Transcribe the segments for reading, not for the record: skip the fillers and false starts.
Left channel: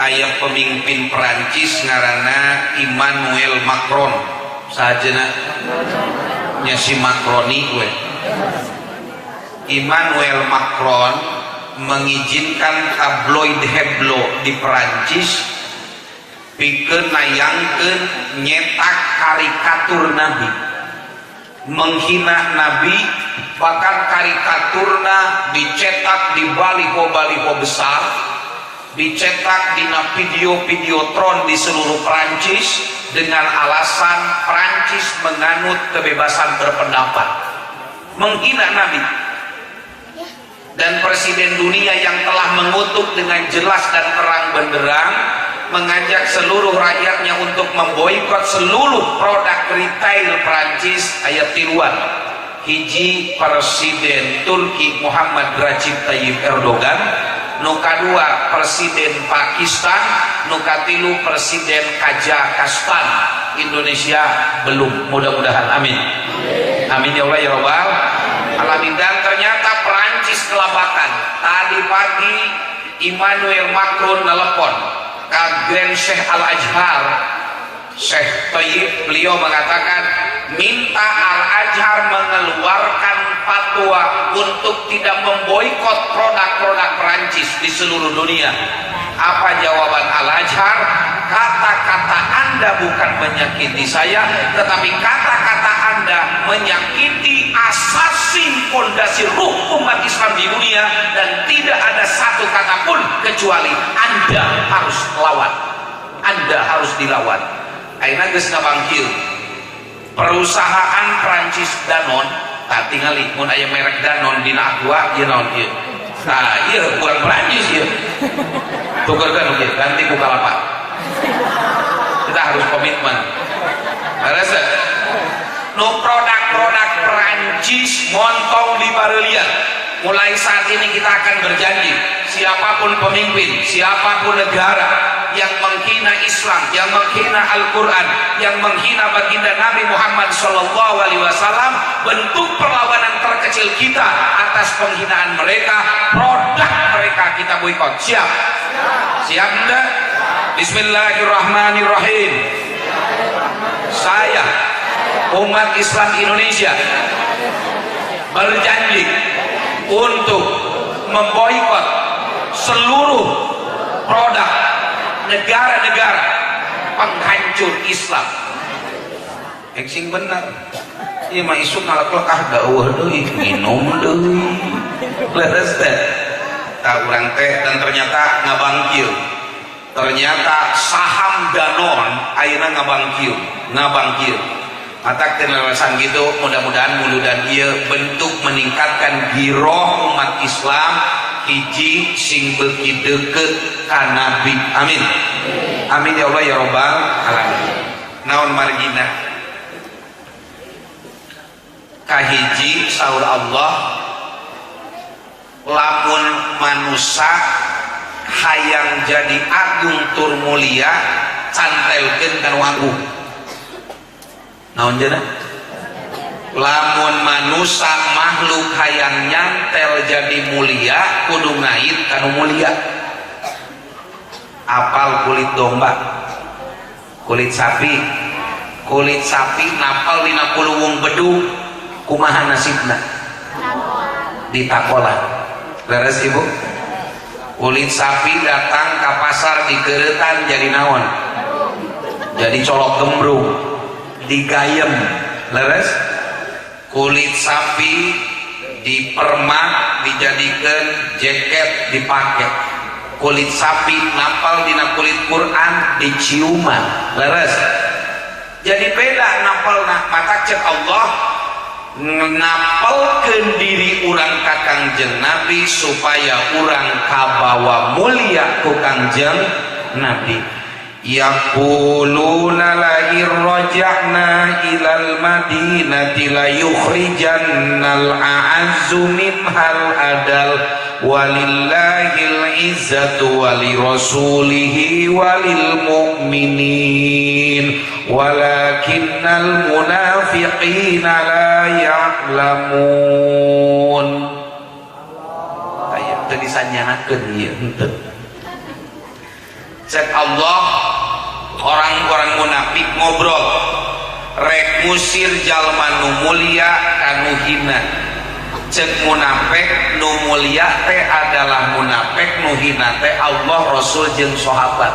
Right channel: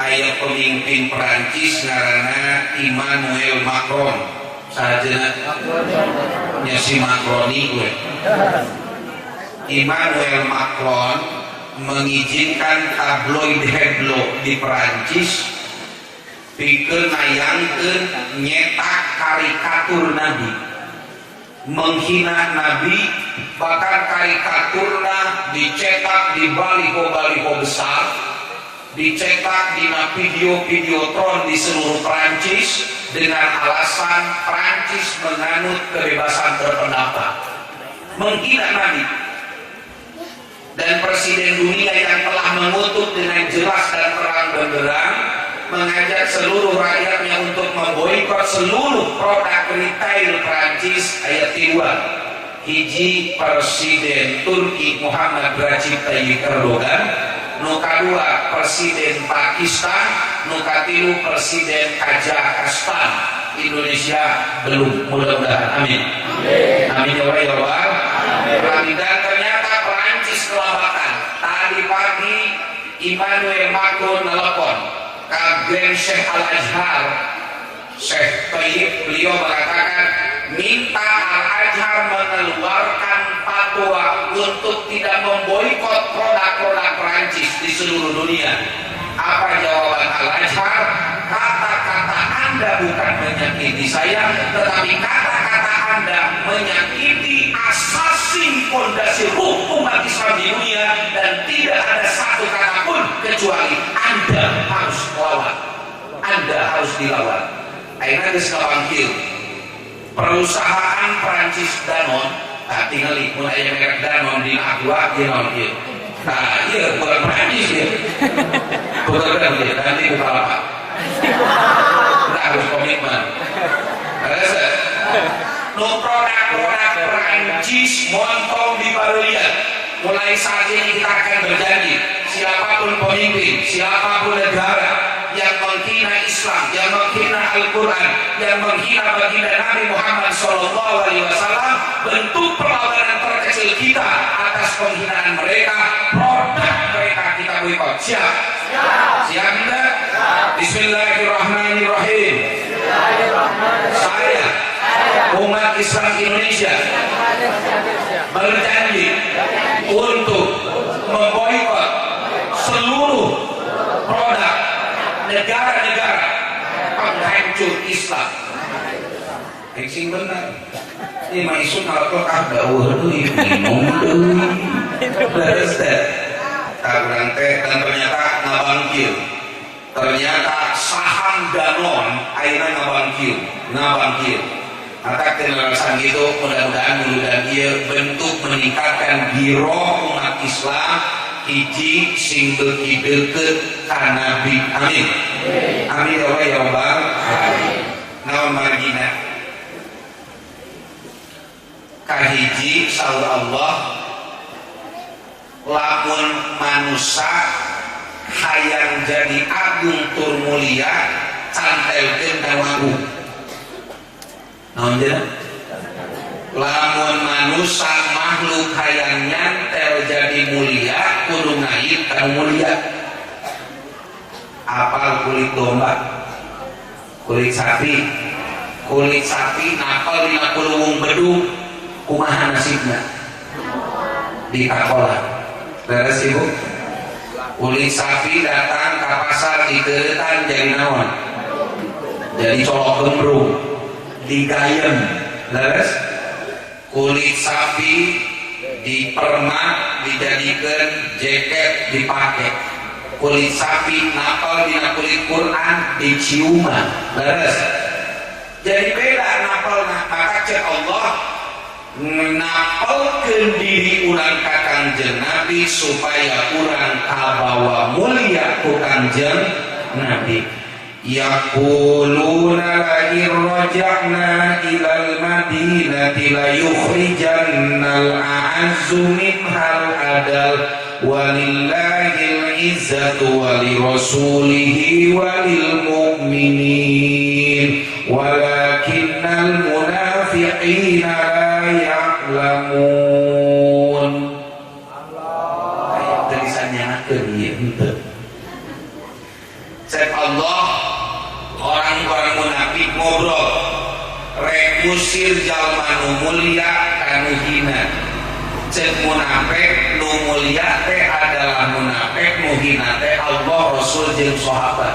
aya pemimpin Perancis ngaranna Emmanuel Macron. Sajana nya si Macroni we. Emmanuel Macron mengizinkan tabloid Hebdo di Perancis pikeun nayangkeun nyetak karikatur Nabi, menghina Nabi, bahkan karikaturna dicetak di baliho-baliho besar, dicetak di video tron di seluruh Perancis dengan alasan Perancis menganut kebebasan berpendapat, menghina Nabi. Dan presiden dunia yang telah mengutuk dengan jelas dan terang benderang mengajak seluruh rakyatnya untuk memboikot seluruh produk retail Perancis aya tiluan. Hiji Presiden Turki Muhammad Recep Tayyip Erdogan, nu kadua Presiden Pakistan, nu katilu Presiden Kazakhstan. Indonesia belum, mudah-mudahan, amin. Amin ya Allah ya Rabbal alamin. Dan ternyata Perancis kelabatan. Tadi pagi Emmanuel Macron nelpon ke Grand Sheikh Al-Azhar, Sheikh Tayyip, beliau mengatakan minta Al-Azhar mengeluarkan fatwa untuk tidak memboikot produk-produk Perancis di seluruh dunia. Apa jawaban Al-Azhar? Kata-kata Anda bukan menyakiti saya, tetapi kata-kata Anda menyakiti asasi fondasi ruh umat Islam di dunia, dan tidak ada satu kata pun kecuali Anda harus melawan, Anda harus dilawan. Aina geus ngabangkil perusahaan Prancis Danone, tinggal mun aya merek Danone dina aqua ieu naon ieu. Nah, ieu bukan Prancis ieu. Tukeurkeun ieu ganti Bukalapak. Kita harus komitmen. Rasa nu produk-produk Prancis montong di bareulian. Mulai saat ini kita akan berjanji, siapapun pemimpin, siapapun negara yang menghina Islam, yang menghina Al-Quran, yang menghina baginda Nabi Muhammad SAW, bentuk perlawanan terkecil kita atas penghinaan mereka, produk mereka kita boikot. Siap? Siap enggak? Bismillahirrahmanirrahim. Saya umat Islam Indonesia berjanji untuk memboikot seluruh produk negara-negara penghancur Islam. Eksing benar. Ini mah isu ngalapok gauh deui, minum deui. Leres teh. Urang teh dan ternyata ngabangkil. Ternyata saham Danone ayeuna ngabangkil. Mata kenalasan gitu, mudah-mudahan ieu bentuk meningkatkan giroh umat Islam hiji sing beuki deukeut ka Nabi. Amin. Amin ya Allah ya Rabbal alamin. Naon margina? Kahiji saur Allah, lamun manusia hayang jadi agung tur mulia cantelkeun ka wangruh. Naon jenah? Lamun manusia makhluk hayang nyantel jadi mulia kudu ngait kanu mulia. Apal kulit domba, kulit sapi napal dina kuluwung bedug, kumaha nasibna? Ditakolan. Leres ibu? Kulit sapi datang ke pasar dikeuretan jadi naon? Jadi colok gembrung, digayem. Leres? Kulit sapi dipermak dijadikan jaket dipakai. Kulit sapi napal dina kulit Quran diciuman. Leres? Jadi beda napalna. Maka cek Allah napalkeun diri urang ka Kangjeng Nabi supaya urang kabawa mulia ku Kangjeng Nabi. Yaquluna la irja'na ilal madinati la yukhrijannal a'azzu minhal adal walillahil izzatu walirasulihi walil mu'minin walakinnal munafiqina la ya'lamun. Ayat tulisannya nakeun ieu henteu. cek Allah orang-orang munafik ngobrol rek musir jalma nu mulia kanu hina. Cek munafik nu mulia teh adalah munafik nu hina teh Allah Rasul jeung sahabat.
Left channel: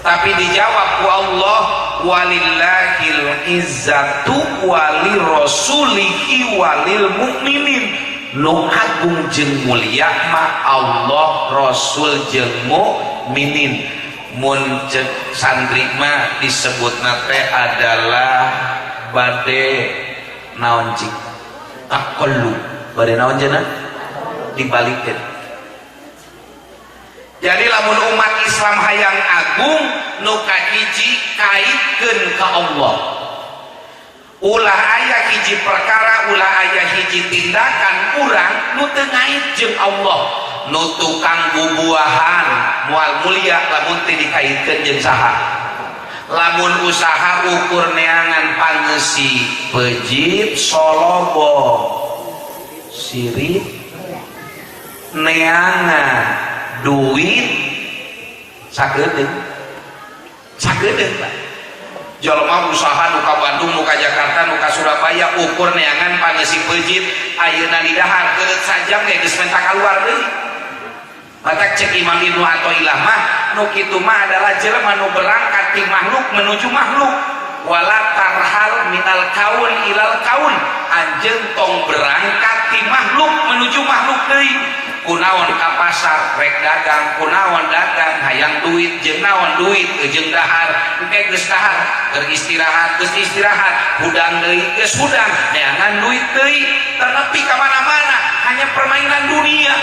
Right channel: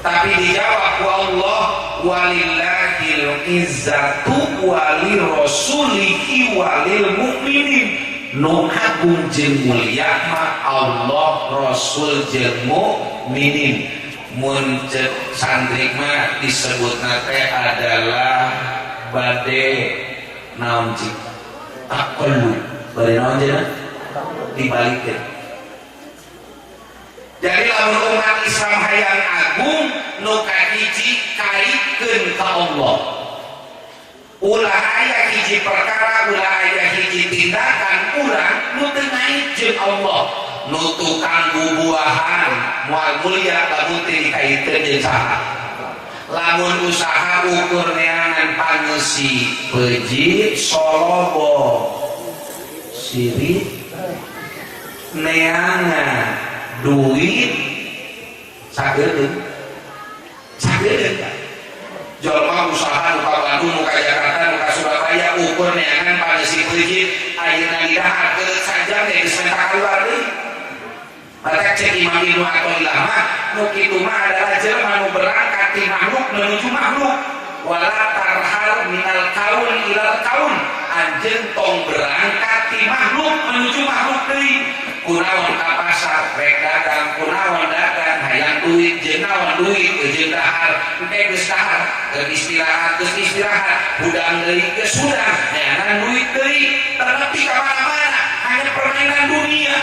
Tapi dijawab ku Allah walillahil izzatu walil rasulihi walil mu'minin. Nu agung jeung mulia mah Allah Rasul jeung mukminin. Mun cek santri mah disebutna teh adalah bade naon cik takolu bade naon cenah dibalikeun. Jadi lamun umat Islam hayang agung nu kahiji kaitkeun ka Allah. Ulah aya hiji perkara, ulah aya hiji tindakan urang nu teu ngait jeung Allah. Nu tukang bubuahan moal mulia lamun teu dikaitkeun jeung saha. Lamun usaha ukur neangan pangeusi pejit solobo sirik neangan duit sageudeung Pak. Jalma usaha nu ka Bandung, nu ka Jakarta, nu ka Surabaya ukur neangan pangeusi pejit ayeuna di dahar teu sajam ge geus mentak kaluar deui. Maka cek Imam Ibnu Athaillah mah nu kitu mah adalah jelema nu berangkat ti makhluk menuju makhluk. Wala tarhal minal kaun ilal kaun. Anjeun tong berangkat ti makhluk menuju makhluk deui. Kunaon ka pasar rek dagang, kunaon dagang hayang duit jeung naon duit jeung dahar engke geus dahar keur istirahat geus istirahat hudang deui geus hudang neangan duit deui ternepi ka mana-mana hanya permainan dunia.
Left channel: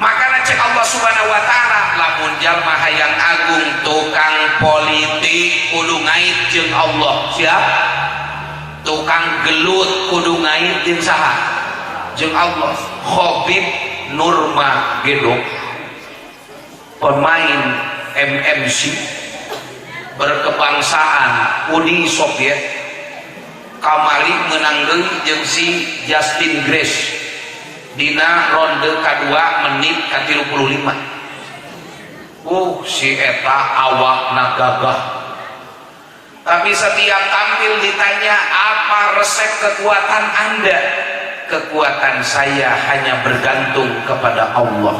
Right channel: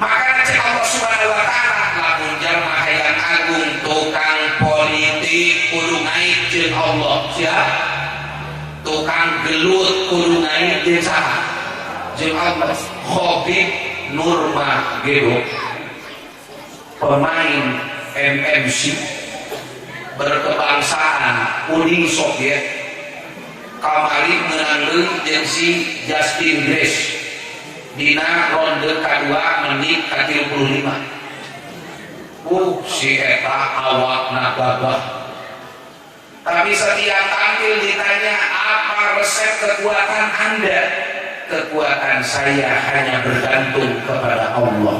Maka cek Allah Subhanahu wa taala lamun jalma hayang agung tukang politik kudu ngait jeung Allah. Siap? Tukang gelut kudu ngait jeung saha? Jeung Allah. Khabib Nurmagomedov pemain MMC berkebangsaan Uni Soviet kamari menang deui jeung si Justin Grace dina ronde kedua menit ka 35. Si eta awakna gagah. Tapi setiap tampil ditanya apa resep kekuatan Anda? Kekuatan saya hanya bergantung kepada Allah.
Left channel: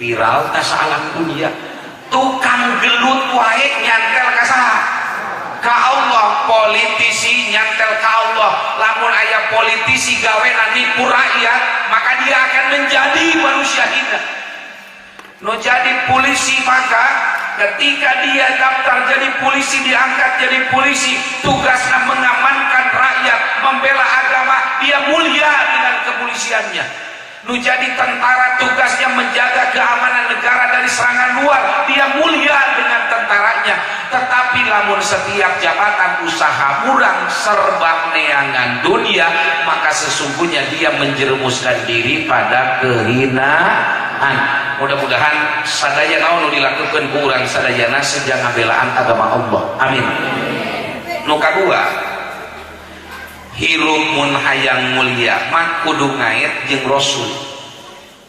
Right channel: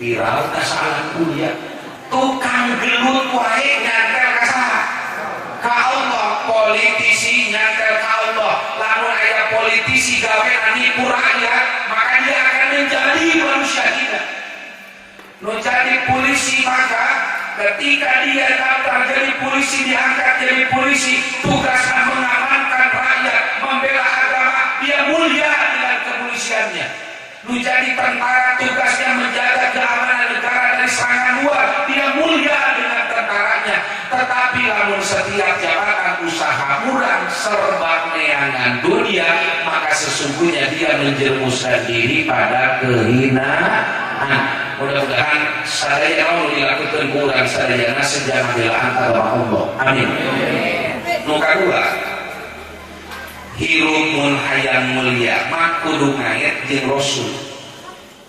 Viral ka salah kuliah. Tukang gelut wae nyantel ka saha? Ka Allah. Politisi nyantel ka Allah. Lamun aya politisi gawe nipu rakyat, maka dia akan menjadi manusia hina. Nu jadi polisi maka ketika dia daftar jadi polisi, diangkat jadi polisi, tugasnya mengamankan rakyat, membela agama, dia mulia dengan kepolisiannya. Nu jadi tentara tugasnya menjaga keamanan negara dari serangan luar, dia mulia dengan tentaranya. Tetapi lamun setiap jabatan usaha murang serba neangan dunia, maka sesungguhnya dia menjerumuskan diri pada kehinaan. Mudah-mudahan sadaya naon dilakukan ku urang sadayana sejana belaan agama Allah. Amin. Nu kadua, hirup mun hayang mulia mah kudu ngait jeung Rasul.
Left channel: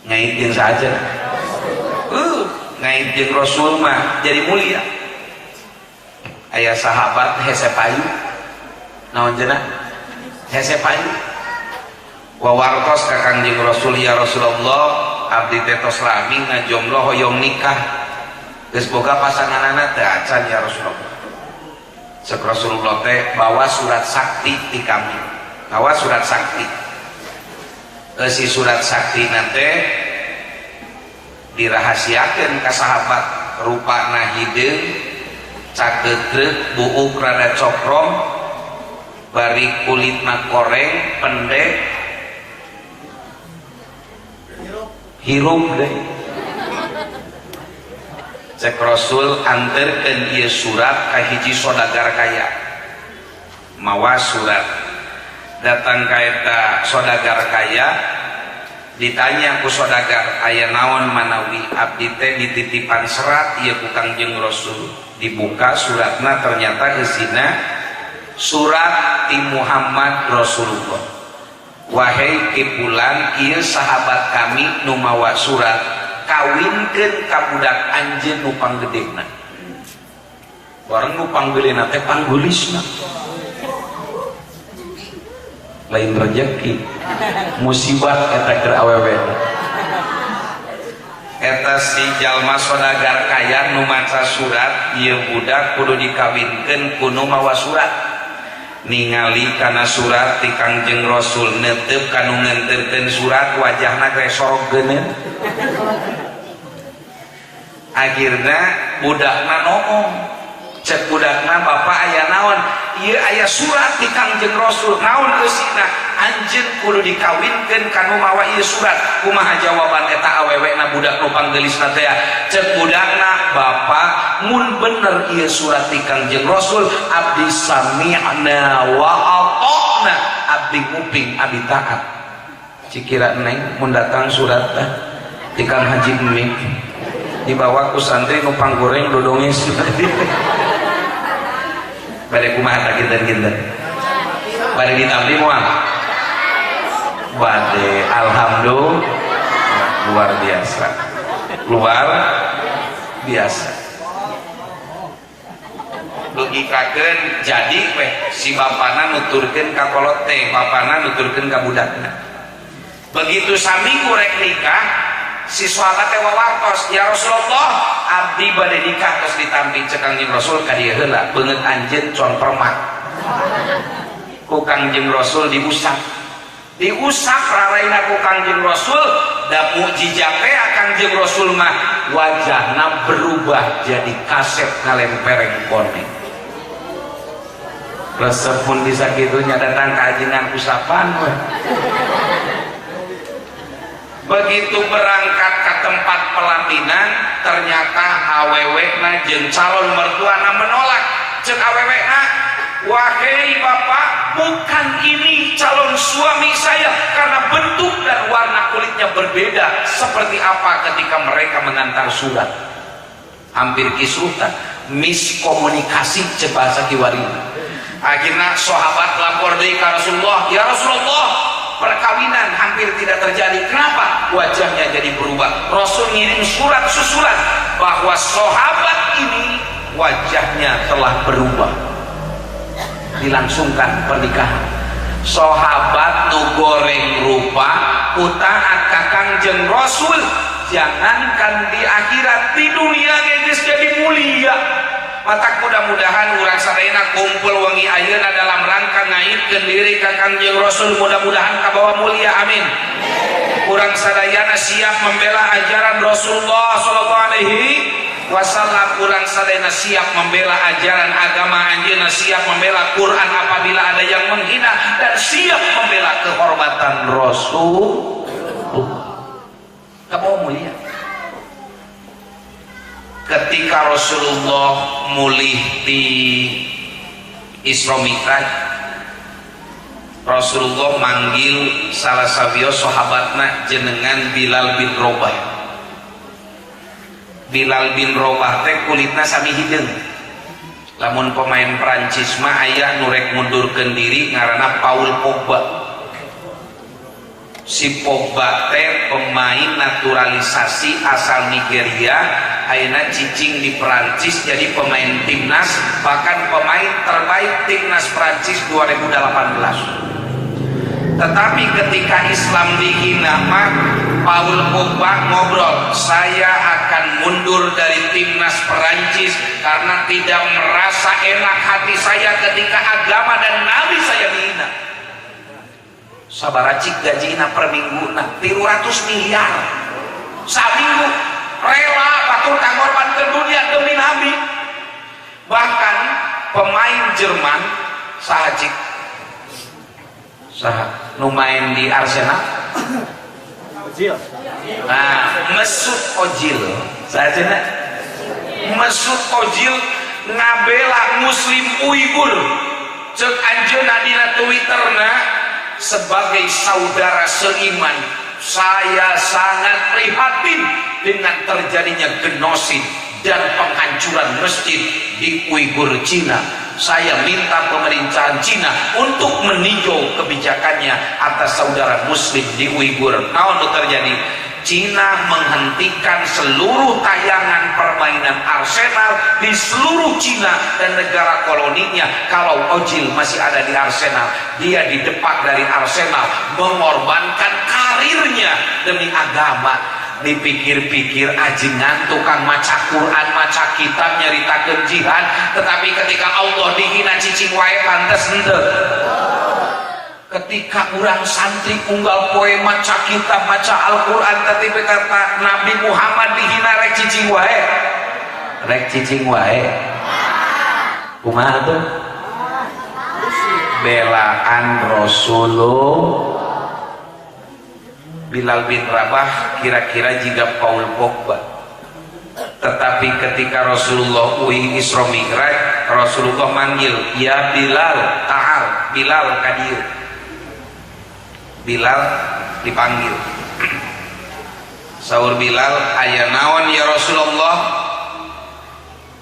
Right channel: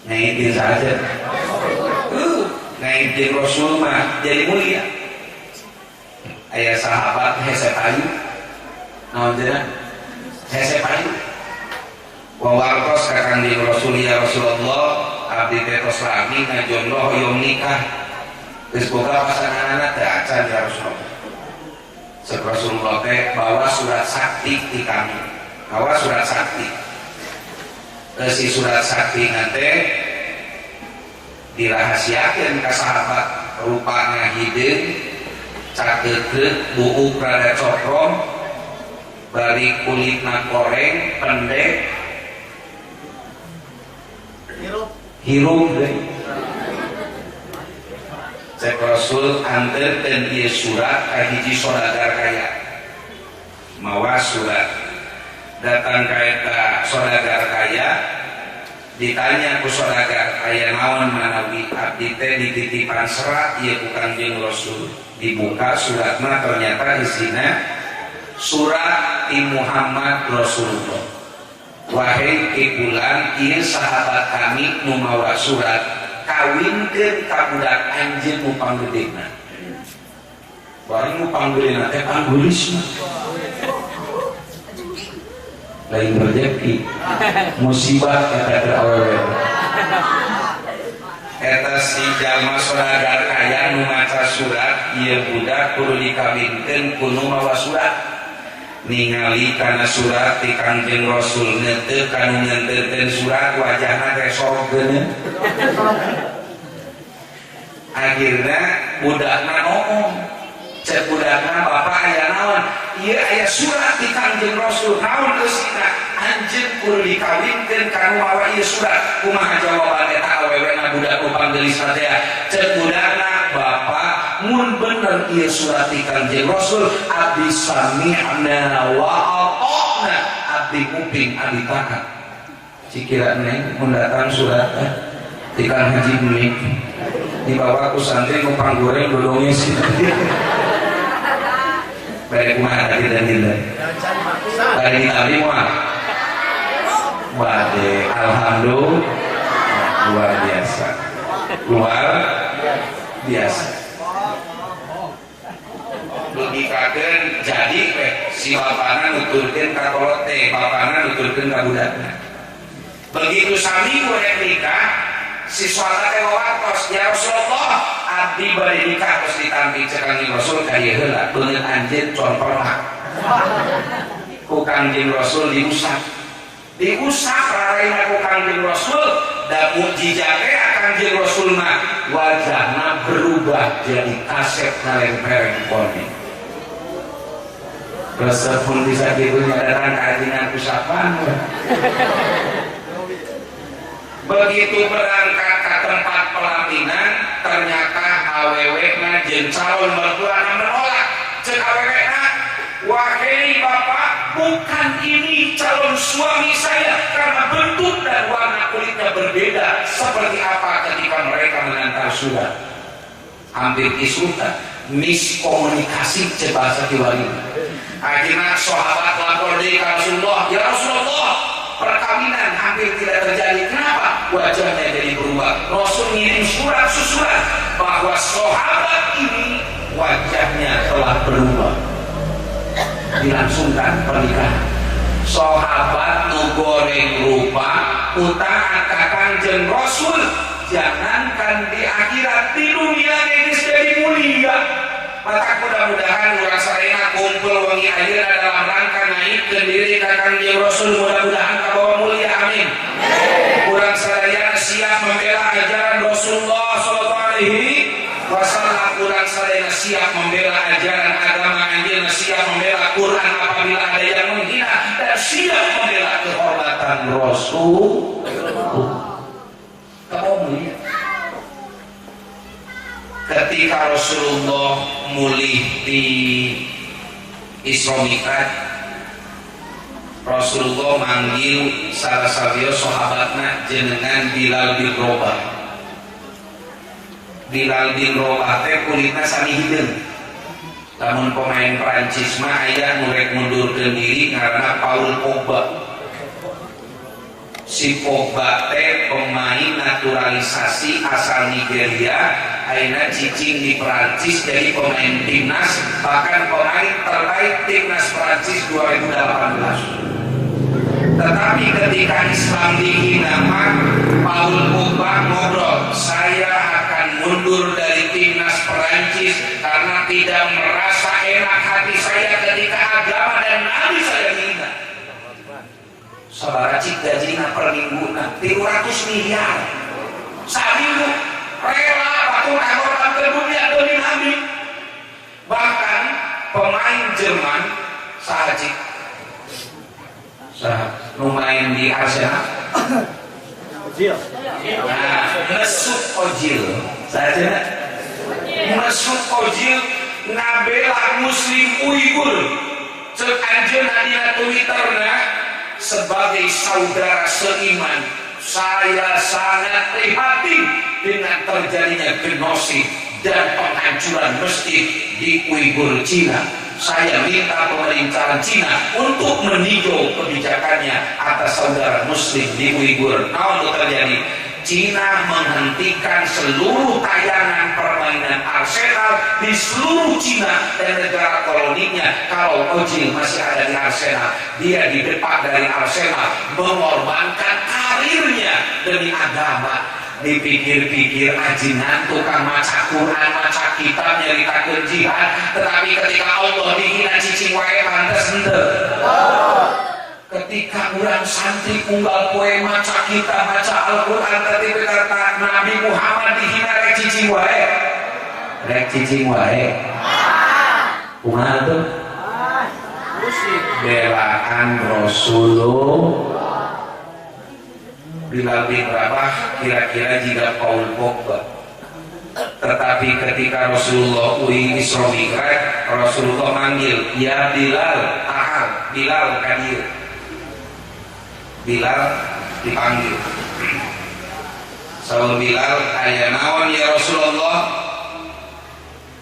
Ngait jeung saja. Ngait jeung Rasul mah jadi mulia. Aya sahabat hese payu. Naon cenah? Hese payu. Wawartos ka Kanjeng Rasul, ya Rasulullah, abdi teh tos lami ngajomblo hoyong nikah. Geus boga pasanganna teh acan ya Rasulullah. Cek Rasulullah teh bawa surat sakti di kami. Bawa surat sakti. Si surat sakti nate dirahasiakeun ka sahabat rupana hideung cakeutreuk buuk rada cokrong bari kulitna koreng pendek hirup deh. Cek Rasul anterkeun ieu surat ka hiji saudagar kaya. Mawa surat datang ka eta saudagar kaya, ditanya ku saudagar aya naon manawi abdi teh dititipan serat ieu ku Kangjeng Rasul. Dibuka suratna ternyata isina surat ti Muhammad Rasulullah. Wahai kipulan ieu sahabat kami nu mawa surat kawinkeun ka budak anjeun nu panggedena bareng nu panggedena teh panggulisna lain rezeki musibah kata keur awewe eta si jalma saudagar kaya nu maca surat ieu budak kudu dikawinkeun ku nu mawa surat ningali kana surat ti Kangjeng Rasul neuteuk kanu ngenteurkeun surat wajahna teh sorog geuneun akhirna budakna ngomong cek budakna bapak aya naon ieu aya surat ti Kangjeng Rasul naon eusina anjeun kudu dikawinkeun kanu mawa ieu surat kumaha jawaban eta awewena budak nu panggelisna teh cek budakna bapak mun bener ieu surat ti Kangjeng Rasul abdi sami'na wa ata'na abdi nguping abdi taat cikira neng mun datang surat ti Kang Haji Dwi dibawa ku santri nu panggoreng dodongnya sih bari kumaha tadi dan kita bari ditampi moal bade alhamdulillah luar biasa logikakeun jadi si bapana nuturkeun ka kolot teh bapana nuturkeun ka budakna begitu sami kurek nikah siswa teh wawartos ya Rasulullah abdi bari nikah terus ditampi cek Kangjeng Rasul ka dieu heula beungeut anjeun con permak ku Kangjeng Rasul diusap raraina ku Kangjeng Rasul da mukjizat teh Kangjeng Rasul mah wajahna berubah jadi kaset kalempereng koneng resep pun bisa gitunya datang kajian usapan begitu berangkat ke tempat pelaminan ternyata awewekna jeung calon mertuana menolak cek awewekna wahai bapak bukan ini calon suami saya karena bentuk dan warna kulitnya berbeda seperti apa ketika mereka menantar surat hampir kisutan miskomunikasi cek bahasa kiwari akhirnya sahabat lapor dari Rasulullah ya Rasulullah perkawinan hampir tidak terjadi. Kenapa? Wajahnya jadi berubah. Rasul ngirim surat susulan bahwa sahabat ini wajahnya telah berubah. Dilangsungkan pernikahan. Sahabat nu goreng rupa utang ka Kangjeng Rasul. Jangankan di akhirat, di dunia geus jadi mulia. Maka mudah-mudahan urang sadayana kumpul wengi ayeuna dalam rangka naikkeun diri ka Kangjeng Rasul mudah-mudahan kabawa mulia amin. Urang sadayana siap membela ajaran Rasulullah sallallahu alaihi wasallam, urang sadayana siap membela ajaran agama anjeunna, siap membela Quran apabila ada yang menghina dan siap membela kehormatan Rasul. Kabawa mulia. Ketika Rasulullah mulih di Isra Mi'raj, Rasulullah manggil salah sabiyo sahabatna jenengan Bilal bin Rabah. Bilal bin Rabah teh kulitna sami hideung. Lamun pemain Prancis mah aya nu rek mundurkeun diri ngaranna Paul Pogba. Si Pogba teh pemain naturalisasi asal Nigeria, ayeuna cicing di Prancis jadi pemain timnas, bahkan pemain terbaik timnas Prancis 2018. Tetapi ketika Islam dihina, Paul Pogba ngobrol, saya akan mundur dari timnas Prancis karena tidak merasa enak hati saya ketika agama dan nabi saya dihina. Sabaracik gajina per minggu 300 miliar saminggu rela bakul kagorban ke dunia demi nabi. Bahkan pemain Jerman sahajik nu main di Arsenal Ozil, nah Mesut Ozil sahajina Mesut Ozil ngabela muslim Uighur cek anjeunna dina Twitterna sebagai saudara seiman, saya sangat prihatin dengan terjadinya genosid dan penghancuran masjid di Uighur Cina. Saya minta pemerintahan Cina untuk meninjau kebijakannya atas saudara muslim di Uighur. Naon terjadi? Cina menghentikan seluruh tayangan permainan Arsenal di seluruh Cina dan negara koloninya. Kalau Ozil masih ada di Arsenal, dia di depan dari Arsenal mengorbankan karirnya demi agama. Dipikir-pikir ajingan tukang maca Quran, maca kitab, nyeritakeun jihad, tetapi ketika Allah dihina cicing wae pantes henteu. Ketika orang santri unggal poe maca kitab, maca Al-Quran, tapi kata Nabi Muhammad dihina rek cicing wae. Rek cicing wae. Kumaha tuh? Belaan Rasulullah. Bilal bin Rabah kira-kira juga Paul Pogba. Tetapi ketika Rasulullah uing Isra Mi'raj, Rasulullah manggil, "Ya Bilal, ta'al." Bilal kadir. Bilal dipanggil. Saur Bilal, "Aya naon ya Rasulullah?"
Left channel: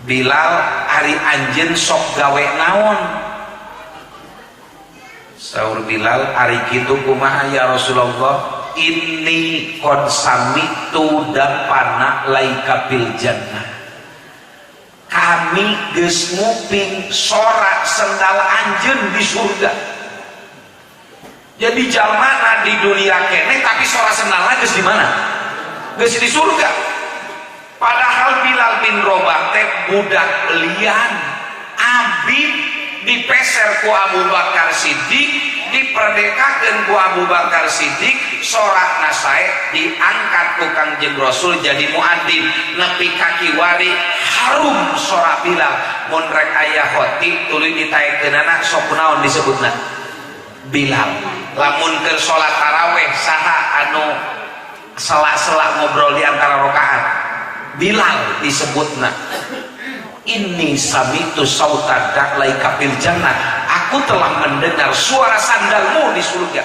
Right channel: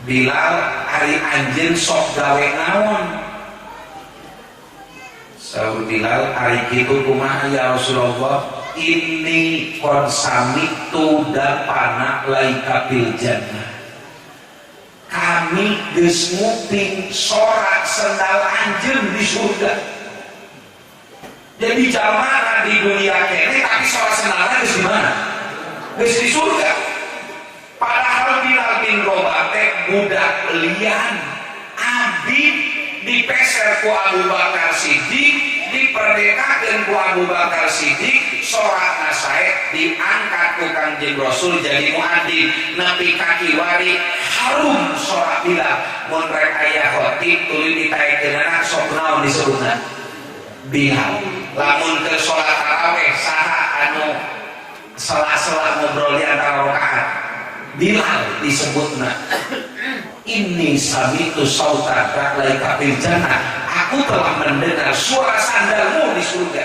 Bilal, "Ari anjeun sok gawe naon?" Saur Bilal, "Ari kitu kumaha ya Rasulullah? Inni qad sami'tu dapana laika fil jannah." Kami geus nguping sorak sendal anjeun di surga. Jadi jamana di dunia kene tapi sorak sendalna geus di mana? Geus di surga. Padahal Bilal bin Rabah teh budak lian, abid dipeser ku Abu Bakar Siddiq, diperdekakeun ku Abu Bakar Siddiq, sorak nasae diangkat ku Kangjeng Rasul jadi muadzin, nepi kaki wari harum sorak Bilal. Mun rek aya khotib tuluy ditaekeunana sok naon disebutna? Bilal. Lamun ke salat tarawih saha anu sela-sela ngobrol di antara rakaat? Bilal disebutna. Inni samitu sautaka laika fil jannah. Aku telah mendengar suara sandalmu di surga.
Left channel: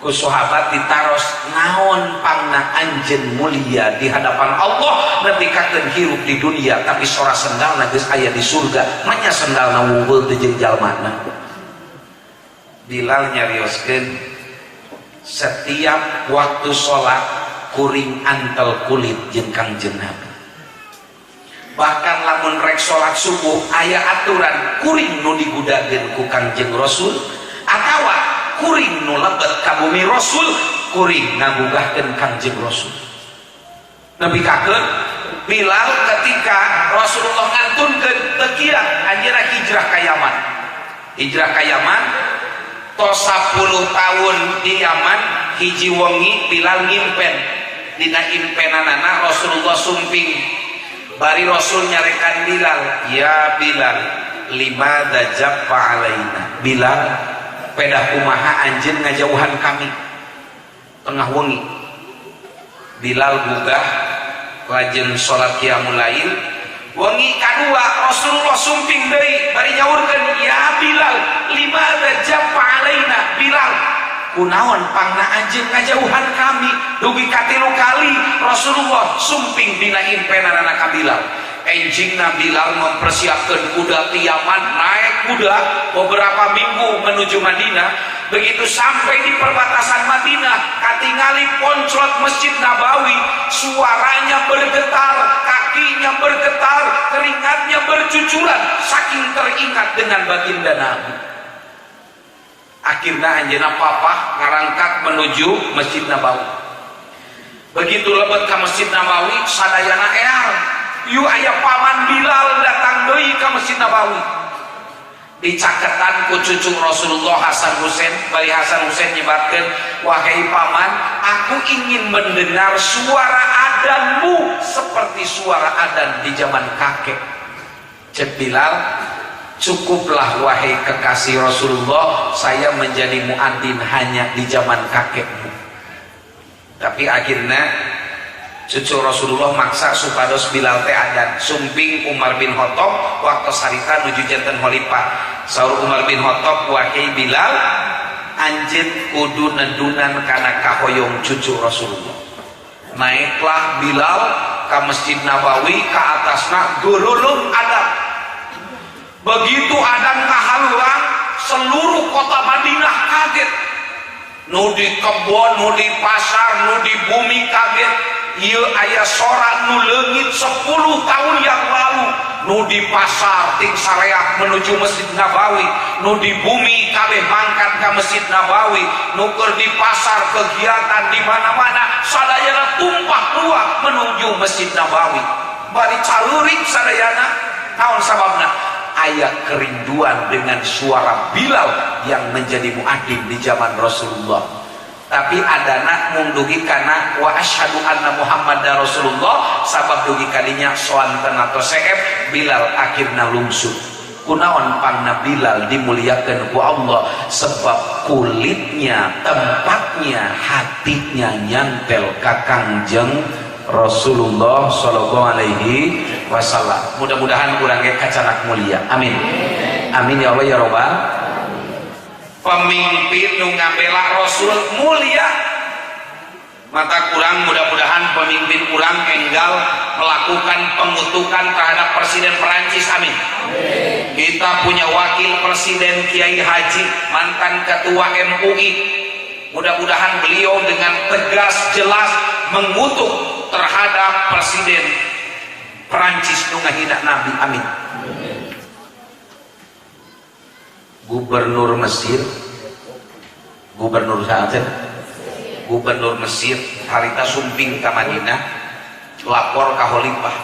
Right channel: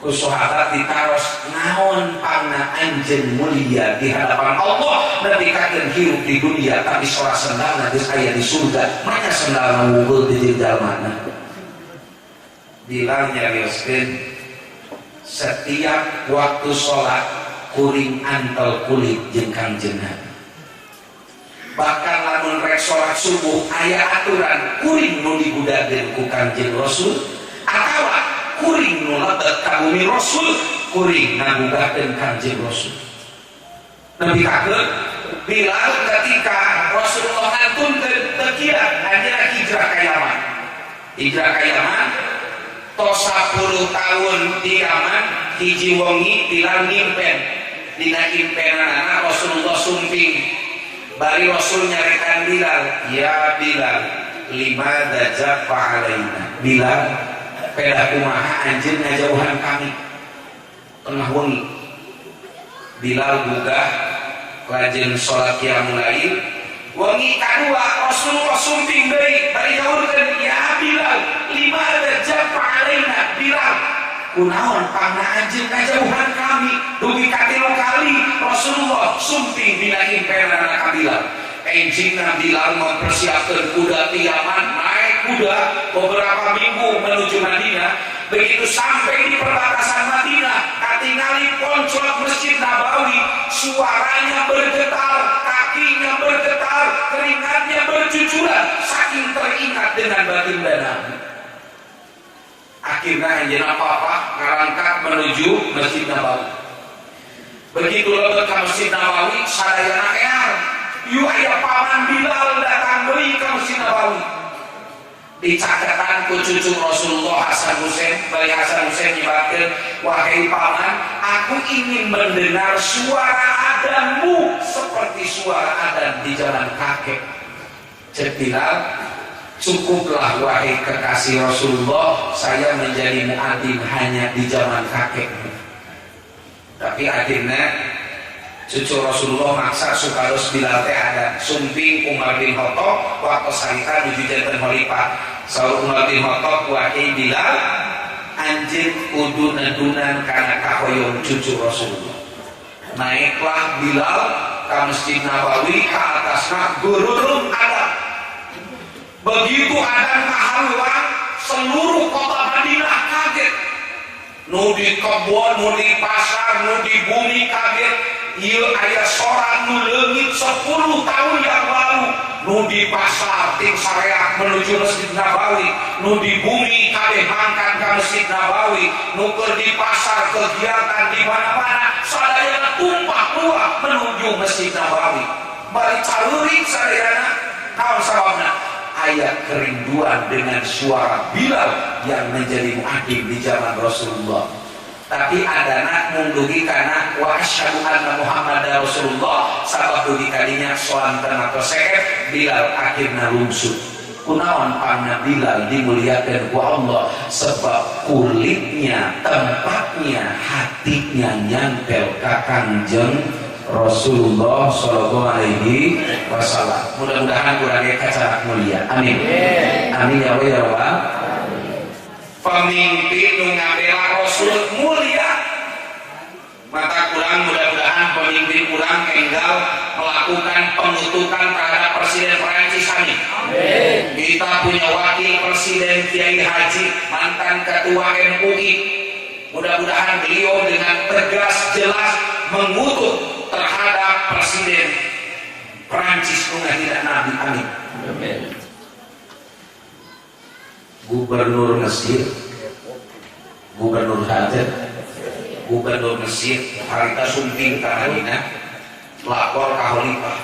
Ku sahabat ditaros, naon pangna anjeun mulia di hadapan Allah nepi kakeun hirup di dunia tapi suara sandalna geus aya di surga. Manya sandalna wunggul teh jeung jalmana. Bilal nyarioskeun, setiap waktu sholat kuring antel kulit jeung Kangjeng Nabi. Bahkan lamun rek sholat subuh aya aturan kuring nu digudakeun ku Kangjeng Rasul atawa kuring nu lebet ka bumi Rasul, kuring ngagugahkeun Kangjeng Rasul. Nepi kakeun Bilal ketika Rasulullah ngantunkeun teu kira anjeunna hijrah ka Yaman. Hijrah ka Yaman tos 10 tahun di Yaman, hiji wengi Bilal ngimpen. Dina impenanana Rasulullah sumping. Bari Rasul nyarikan Bilal, "Ya Bilal, lima dajabba alaina." Bilal, pedah kumaha anjeun ngajauhan kami tengah wengi. Bilal gugah lajeng salat qiyamul lail. Wengi kadua Rasulullah sumping deui bari nyaurkeun, "Ya Bilal, lima dajabba alaina." Bilal, kunaon pangna anjeun ngajauhan kami? Dugi katilu kali Rasulullah sumping dina impenanana ka Bilal. Enjingna Bilal mempersiapkan kuda ti Yaman, naik kuda beberapa minggu menuju Madinah. Begitu sampai di perbatasan Madinah, katingali ponclot Masjid Nabawi, suaranya bergetar, kakinya bergetar, keringatnya bercucuran, saking teringat dengan baginda Nabi. Akhirnya anjeunna papa ngarangkat menuju Masjid Nabawi. Begitu lebet ke Masjid Nabawi, sadayana eang, yu aya paman Bilal datang deui ke Masjid Nabawi. Dicaketan ku cucu Rasulullah Hasan Husain, bari Hasan Husain nyebatkeun, "Wahai paman, aku ingin mendengar suara adzanmu seperti suara adzan di zaman kakek." Cek Bilal, "Cukuplah wahai kekasih Rasulullah, saya menjadi muadzin hanya di zaman kakekmu." Tapi akhirnya cucu Rasulullah maksa supados Bilal teh adzan. Sumping Umar bin Khattab waktu sarita nuju janten khalifah. Saur Umar bin Khattab, "Wahai Bilal, anjeun kudu nedunan kana kahoyong cucu Rasulullah." Naiklah Bilal ka Masjid Nabawi, ka atasna geureulung adzan. Begitu adzan kahaluan, seluruh kota Madinah kaget. nu di kebon, nu di pasar, nu di bumi kabeh. Ieu aya sorak nu leungit 10 tahun yang lalu, nu di pasar ting sareak menuju Masjid Nabawi, nu di bumi kabeh mangkat ka Masjid Nabawi, nu keur di pasar kegiatan di mana-mana sadayana tumpah ruah menuju Masjid Nabawi. Bari careurik sadayana naon sababna? Aya kerinduan dengan suara Bilal yang menjadi muadzin di zaman Rasulullah. Tapi adana mundugi kana wa asyhadu anna Muhammadar Rasulullah sabab dugi kalinya soanten atau seef Bilal akhirna lungsuh. Kunaon pangna Bilal dimuliakan ku Allah sebab kulitnya, tempatnya, hatinya nyantel ka Kangjeng Rasulullah sallallahu alaihi wasallam. Mudah-mudahan urang ge kacarak mulia. Amin. Amin ya Allah ya Rabbal. Pemimpin nu ngabela Rasul mulia, maka kurang mudah-mudahan pemimpin kurang enggal melakukan pengutukan terhadap Presiden Perancis. Amin. Kita punya wakil Presiden Kiai Haji, mantan Ketua MUI. Mudah-mudahan beliau dengan tegas jelas mengutuk terhadap Presiden Perancis nu ngahina Nabi. Amin. Gubernur Mesir, Gubernur Saat, Gubernur Mesir harita sumping ka Madinah, lapor ka Khalifah.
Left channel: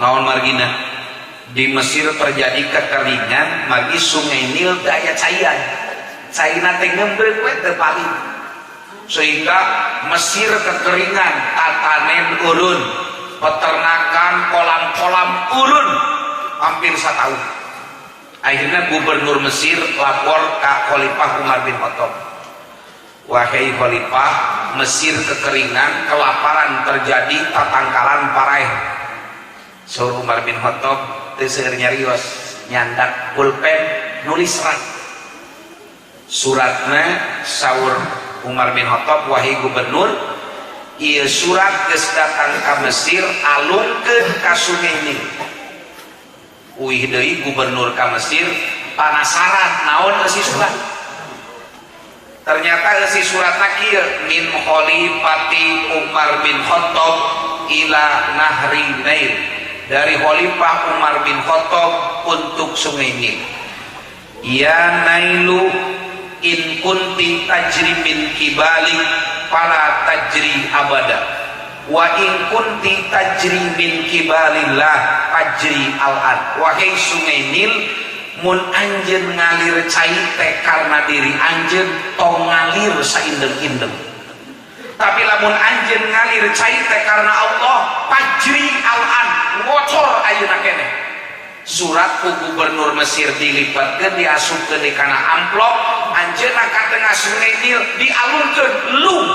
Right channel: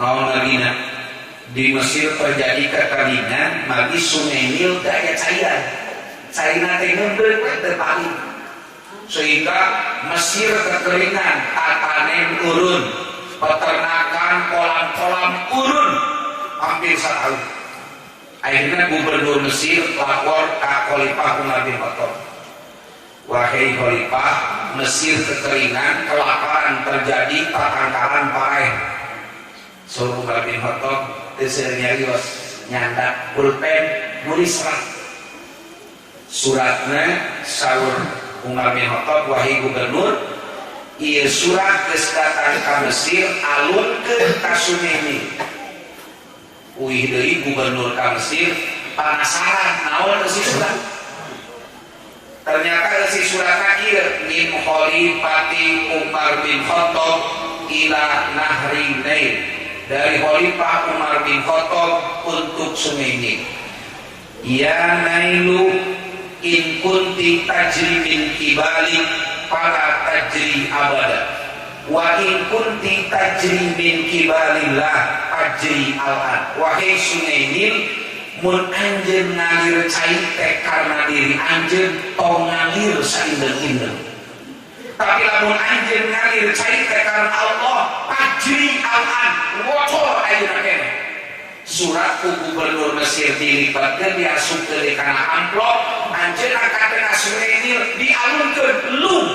Naon Madinah? Di Mesir terjadi kekeringan, magi Sungai Nil daya cairan. Cairan teh ngembreuk we teu paling. Sehingga Mesir kekeringan, tatanen urun, peternakan kolam-kolam urun hampir setahun. Akhirnya Gubernur Mesir lapor ke Khalifah Umar bin Khattab. Wahai Khalifah, Mesir kekeringan, kelaparan terjadi, tatangkalan parah. Suruh Umar bin Khattab teu nyarios nyandak pulpen nulis surat. Suratna saur Umar bin Khattab, wahai Gubernur, ieu surat geus datang ka Mesir alunkeun ka Sungai Nil. Uih deui Gubernur ka Mesir panasaran naon eusi surat. Ternyata eusi suratna kieu min Khalifati Umar bin Khattab ila Nahri Nail, dari Khalifah Umar bin Khattab untuk Sungai Nil. Ya Nailu in kunti tajri min kibali fala tajri abada, wa in kunti tajri min kibalillah tajri al-ad. Wahai Sungai Nil, mun anjeun ngalir cai teh karena diri anjeun tong ngalir saindeng-indeng. Tapi lamun anjeun ngalir cai teh karena Allah, tajri al-ad, ngocor ayeuna keneh. Surat ku Gubernur Mesir dilibatkeun diasupkeun kana amplop, anjeunna ka tengah Sungai Nil dialunkeun lung.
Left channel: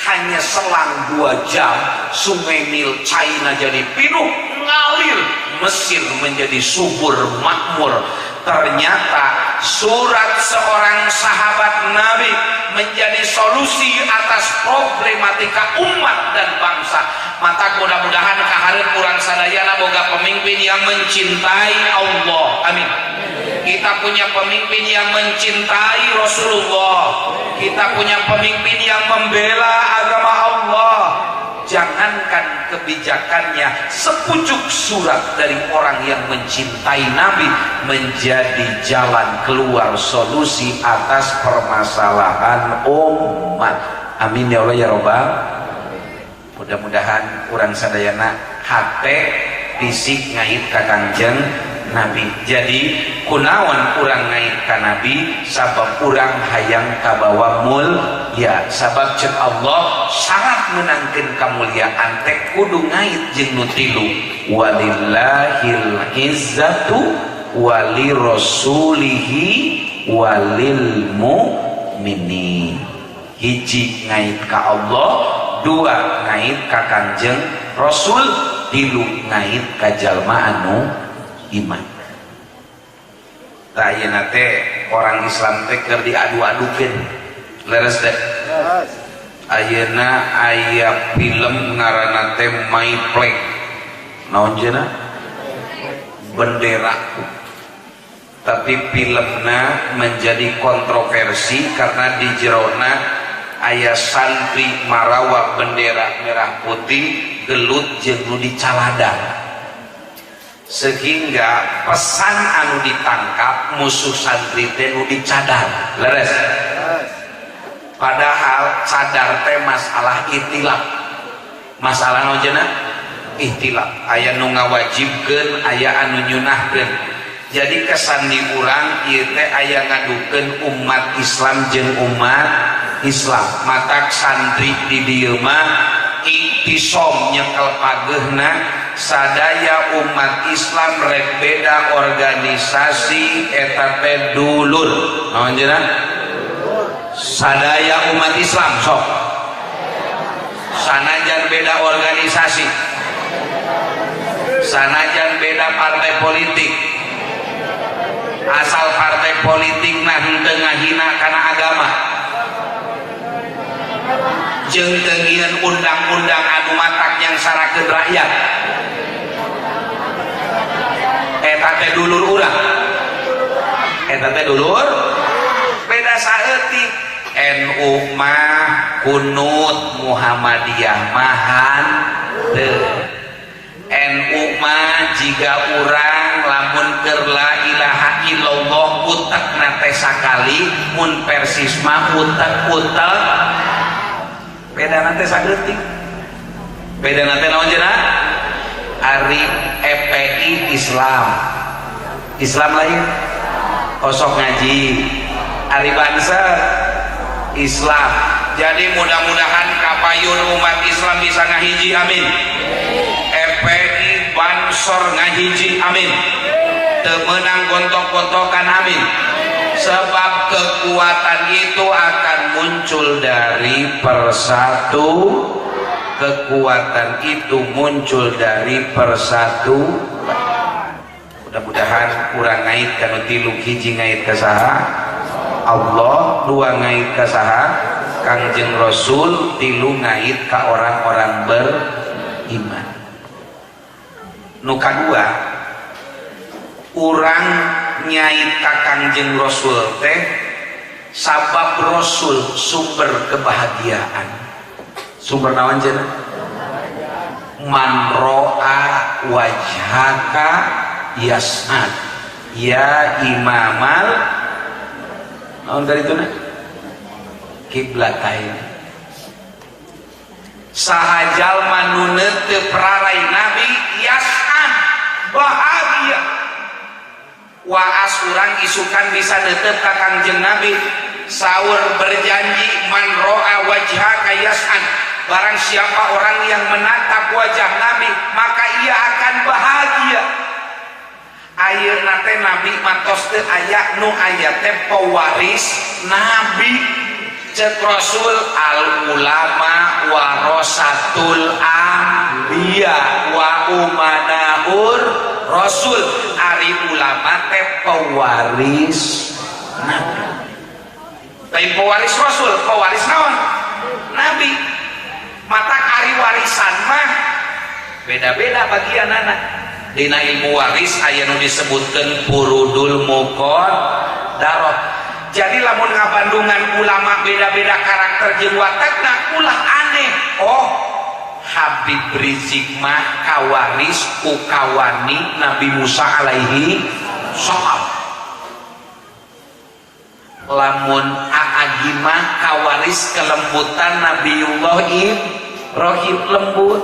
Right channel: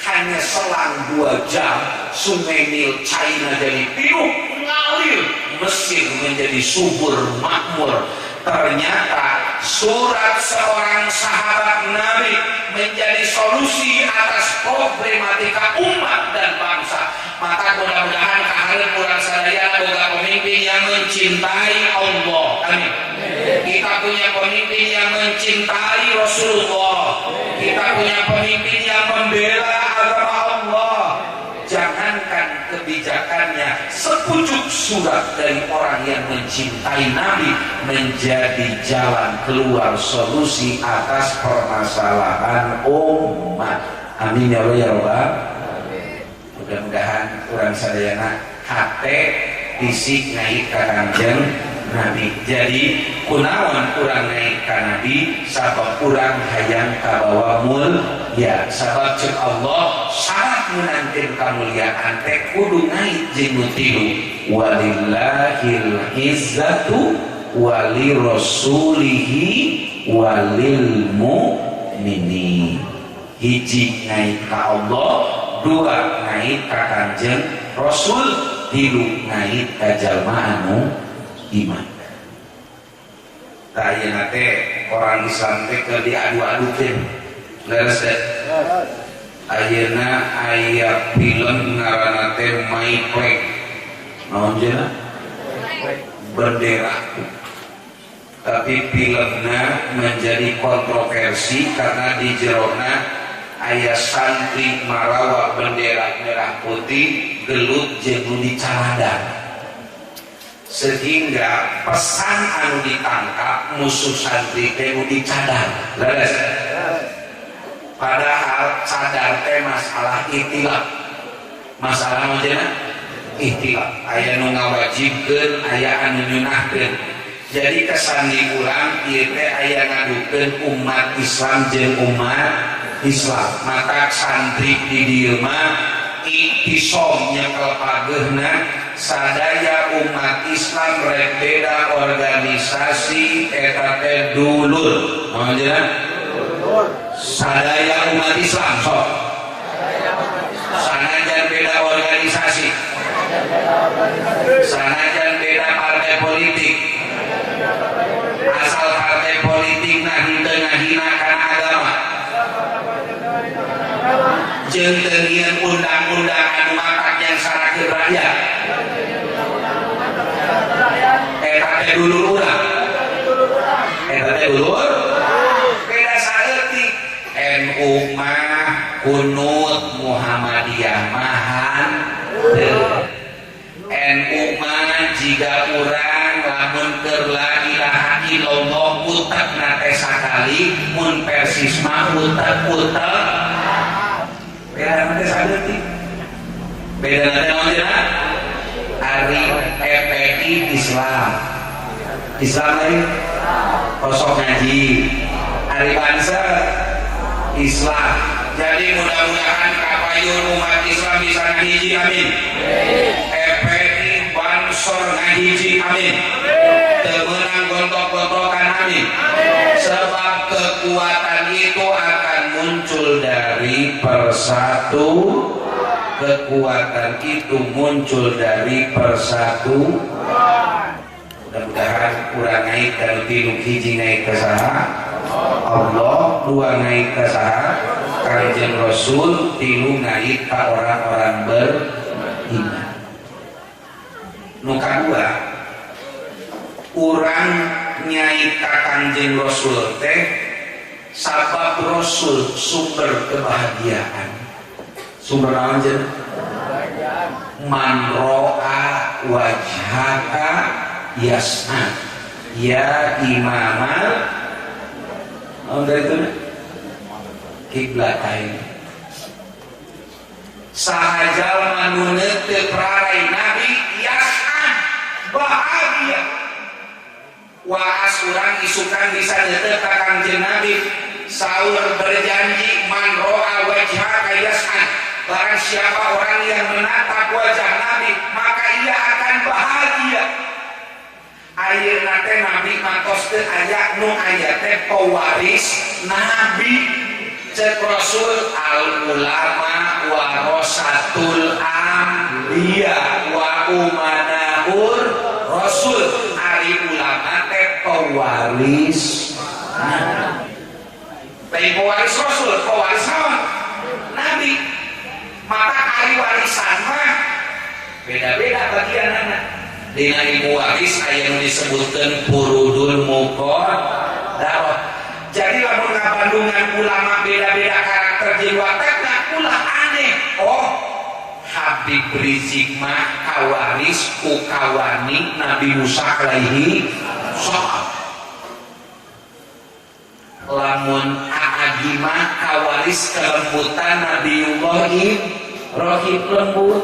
Hanya selang 2 jam Sungai Nil China jadi pinuh ngalir, Mesir menjadi subur makmur. Ternyata surat seorang sahabat Nabi menjadi solusi atas problematika umat dan bangsa. Maka mudah-mudahan kahareun urang sadaya boga pemimpin yang mencintai Allah. Amin. Kita punya pemimpin yang mencintai Rasulullah. Kita punya pemimpin yang membela agama Allah. Jangankan kebijakannya, sepucuk surat dari orang yang mencintai Nabi menjadi jalan keluar solusi atas permasalahan umat. Amin ya Allah ya Rabbal. Mudah-mudahan urang sadayana hate fisik ngait ka Kangjeng Nabi. Jadi kunaon urang ngait ka Nabi sabab urang hayang kabawa mulia. Sabab ceuk Allah syarat menangkeun kamuliaan teh kudu ngait jeung nu tilu. Walillahil izzatu walirasulihi walil mu'minin. Hiji ngait ka Allah, 2 ngait ka Kangjeng Rasul, 3 ngait ka jalma anu iman. Tah ayeuna teh orang Islam teh keur diadu-adukeun. Leres teh. Ayeuna aya film ngaranna teh My Flag. Naon cenah? Benderaku. tapi filmnya menjadi kontroversi karena di jerona aya santri marawa bendera merah putih gelut jeung nu dicaladan, sehingga pesan anu ditangkap musuh santri teh nu dicadar leres. Padahal cadar teh masalah ikhtilaf, masalah nojena ikhtilaf, aya nu ngawajibkeun aya anu nyunahkeun. Jadi kesan di urang ieu teh aya ngadukeun umat Islam jeung umat Islam. Mata santri di dieu mah iktisom nyekel pageuna sadaya umat Islam rek beda organisasi eta teh dulur. Naon cenah? Sadaya umat Islam sok. Sanajan beda organisasi. Sanajan beda partai politik. Asal partai politik nah henteu ngahina kana agama. Jeung teu ngieun undang-undang anu matak yang sarakeun rakyat. Eta teh dulur urang. Eta teh dulur. Beda saeutik. NU mah kunut, Muhammadiyah mahan teu. NU mah jiga urang lamun keur la ilaha illallah utekna teh sakali, mun Persis mah utek-utek. Beda nanti saeutik. Beda nanti naon cenah? Ari FPI Islam. Islam lain kosong ngaji. Ari Banser Islam. Jadi mudah-mudahan kapayun umat Islam bisa ngahiji amin. FPI Bansor ngahiji amin. Teu meunang gontok-gontokan amin. Sebab kekuatan itu akan muncul dari persatu. Kekuatan itu muncul dari persatu. Mudah-mudahan urang ngait kana tilu hiji ngait ka saha? Allah, dua ngait ka saha? Kangjeng Rasul, tilu ngait ka orang-orang beriman. Nu kadua, urang nyai ka Kangjeng Rasul teh sabab Rasul sumber kebahagiaan. Sumber naon cenah? Man ro'a wajhaka yas'ad ya imamal naon dari itu nih? Kiblatain. Sahajal manunut prarai Nabi yas'ad bahagia. Waas urang isukan bisa neuteut ka Kangjeng Nabi saur berjanji man ro'a wajhaka yas'ad, barang siapa orang yang menatap wajah Nabi maka ia akan bahagia. Ayeuna teh Nabi mantos teu aya nu aya teh pewaris Nabi. Cek Rasul al ulama warasatul anbiya wa umanahur Rasul. Ari ulama teh pewaris Nabi. Lain pewaris Rasul, pewaris naon? Nabi. Mata ari warisan mah beda-beda bagianana. Dina ilmu waris aya nu disebutkeun furudul muqaddarah. Jadi lamun ngabandungan ulama beda-beda karakter jeung watakna ulah aneh. Oh, Habib Rizik mah kawaris ku kawani Nabi Musa alaihi salam. Lamun Aagi mah kawaris kelembutan Nabiullah Ibrahim lembut.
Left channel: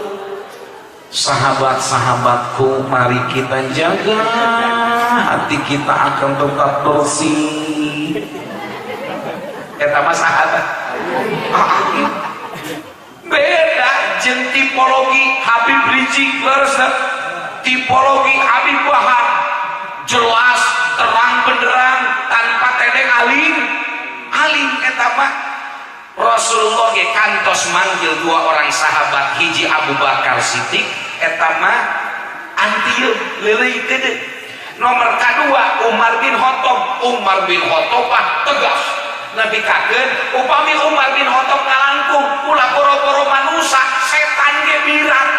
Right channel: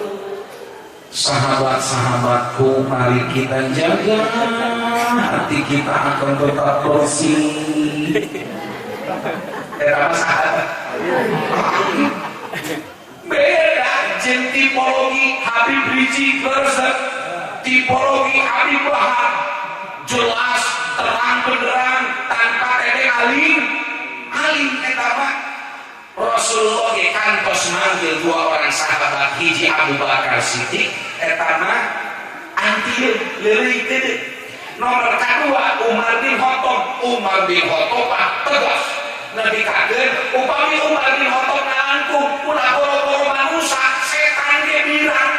Sahabat-sahabatku, mari kita jaga hati kita akan tetap bersih. Eta mah sahabat. Beda jeung tipologi Habib Rizik versus tipologi Habib Wahab. Jelas, terang benderang, tanpa tedeng alim. Alim eta mah. Rasulullah ge kantos manggil dua orang sahabat, hiji Abu Bakar Siddiq eta mah antieu leuleung teu. Nomor kadua Umar bin Khattab. Umar bin Khattab tegas ngadikakeun upami Umar bin Khattab ngalangkung ulah boro-boro manusia setan ge mirang.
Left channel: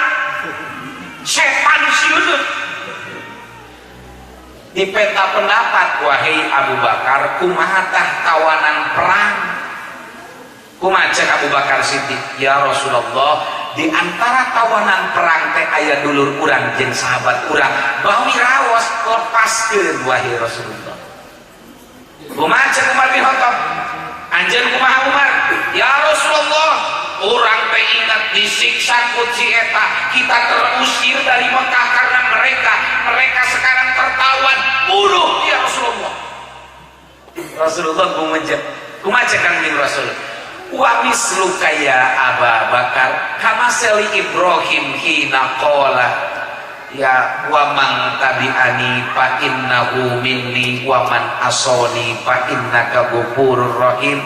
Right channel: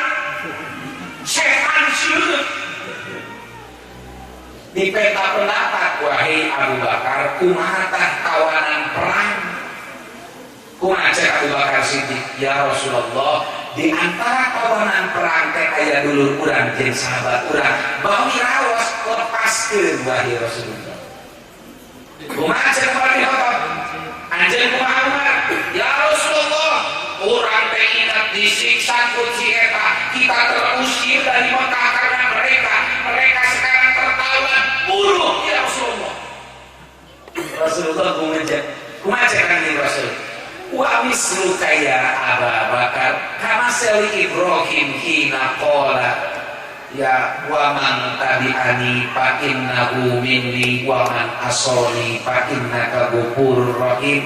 Setan sieun. di peta pendapat wahai Abu Bakar kumaha tah tawanan perang kumaha cek Abu Bakar Siddiq ya Rasulullah di antara tawanan perang teh aya dulur urang jeung sahabat urang bawi raos lepaskeun wahai Rasulullah kumaha cek Umar bin Khattab anjeun kumaha Umar ya Rasulullah urang teh ingat disiksa ku ci eta kita terusir dari Mekah karena mereka sekarang tertawan bunuh ya Rasulullah. Rasulullah kumaha cek kanjeng Rasul wa mislu kaya Abu Bakar kama sali Ibrahim hina qala ya wa man tabi'ani fa innahu minni wa man asani fa innaka ghafurur rahim.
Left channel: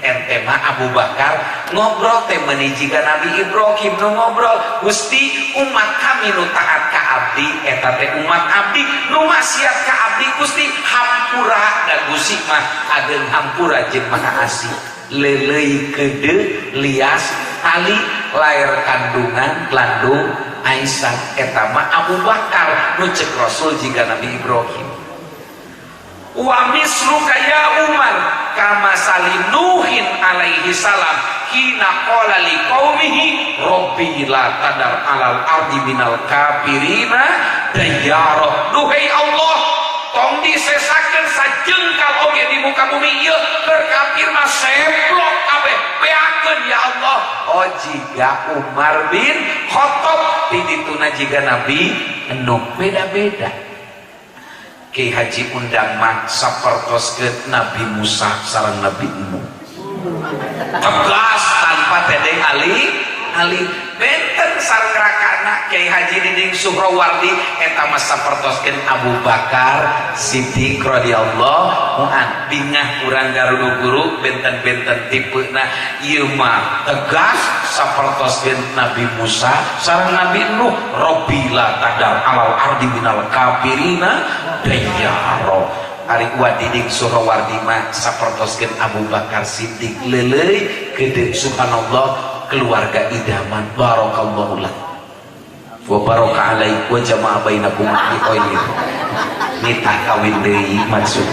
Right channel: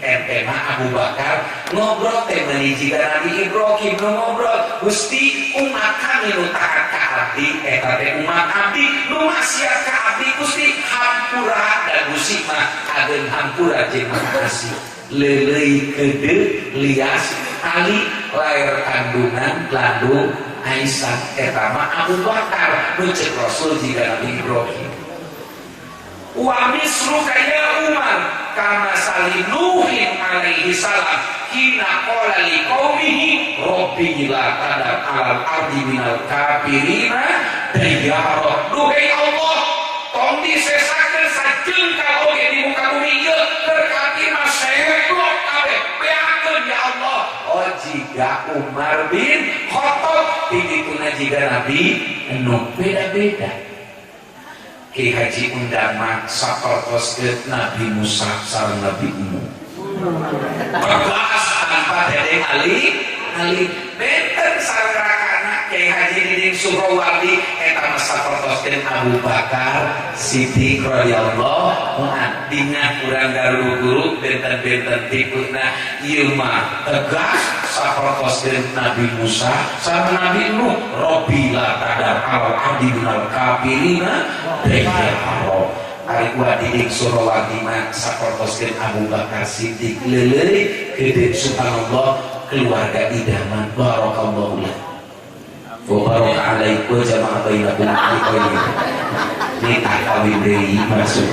Ente mah Abu Bakar ngobrol teh meuni jiga Nabi Ibrahim nu ngobrol Gusti umat kami nu taat ka abdi eta teh umat abdi nu maksiat ka abdi Gusti hampura da Gusti mah ageun hampura jeung maha asih lelei kede lias tali lair kandungan landung Aisyah eta mah Abu Bakar nu cek Rasul jiga Nabi Ibrahim wa misru kaya Umar kama salim Nuhin alaihi salam hina qala li qaumihi rabbi la tadar alal ardi minal kafirina dayyara duhai Allah tong disesakeun sajengkal oge di muka bumi ieu keur kafir mah seblok kabeh beakeun ya Allah. Oh jiga Umar bin Khattab ditituna jiga Nabi anu beda-beda. Ki Haji undang mah sapertoskeun Nabi Musa sareng Nabi Nuh. Tegas tanpa dedeng alih benten sarengrakana Kiai Haji Diding Suhrawardi eta mah sapertoskeun Abu Bakar Siddiq radhiyallahu anhu. Bingah urang garudu guru benten-benten tipeuna ieu mah tegas sapertoskeun Nabi Musa sareng Nabi Nuh rabbi la tadar alal ardi minal kafirina dayyara. Ari kuat Diding Suhrawardi mah sapertoskeun Abu Bakar Siddiq leuleuy gede subhanallah keluarga idaman barakallahu lah wa baraka alaikum wa jama'a bainakum fi khairin nikah kawin deui maksud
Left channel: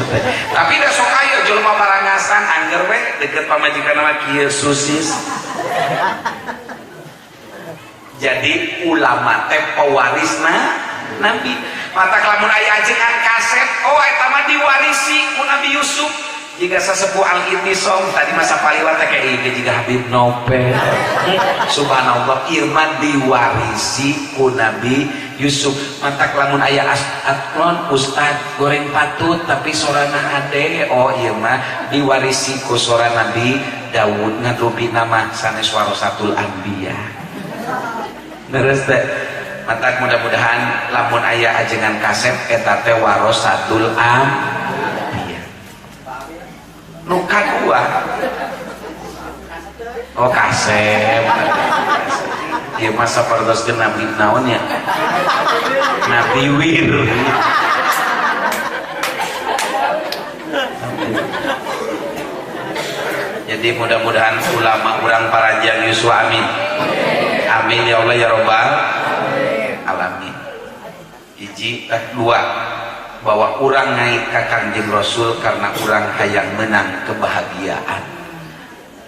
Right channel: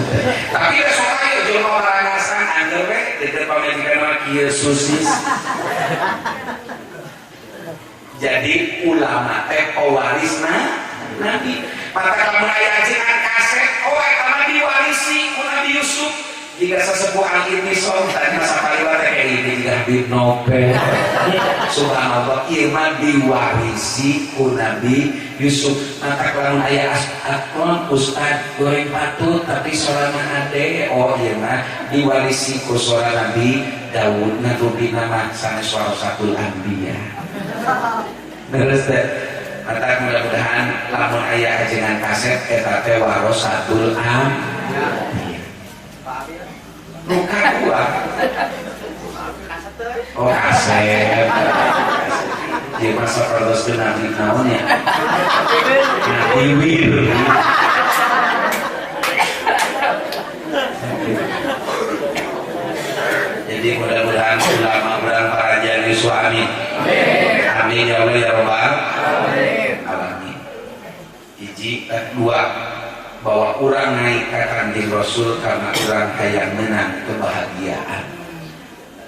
tapi da sok aya jelema barangasan angger we deukeut pamajikan mah kieu susis. Jadi ulama teh pewarisna Nabi mata lamun aya ajengan kaset oh eta mah diwarisi ku Nabi Yusuf jika sesepuh Al-Ittisom tadi masa pariwata kayak ini jika Habib Nopel subhanallah irman diwarisi ku Nabi Yusuf mata lamun aya atkon ustad goreng patut tapi sorana ade oh irman diwarisi ku sora Nabi Daud ngadubi nama sanes warasatul anbiya terus teh mata mudah-mudahan lamun aya ajengan kaset eta teh warasatul anbiya nuka dua oh kaset ya masa perdoskeun Nabi naon ya Nabi Wir jadi mudah-mudahan ulama urang parajan Yusuf amin amin ya Allah ya Rabbal alamin. Hiji dua bahwa urang naik ka Kanjeng Rasul karena urang hayang menang kebahagiaan.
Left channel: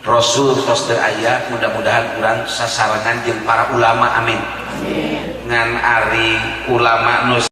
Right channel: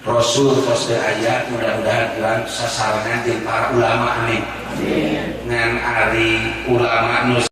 Rasul tos teu aya mudah-mudahan urang sasarengan jeung para ulama amin. Amin. Ngan ari ulama nu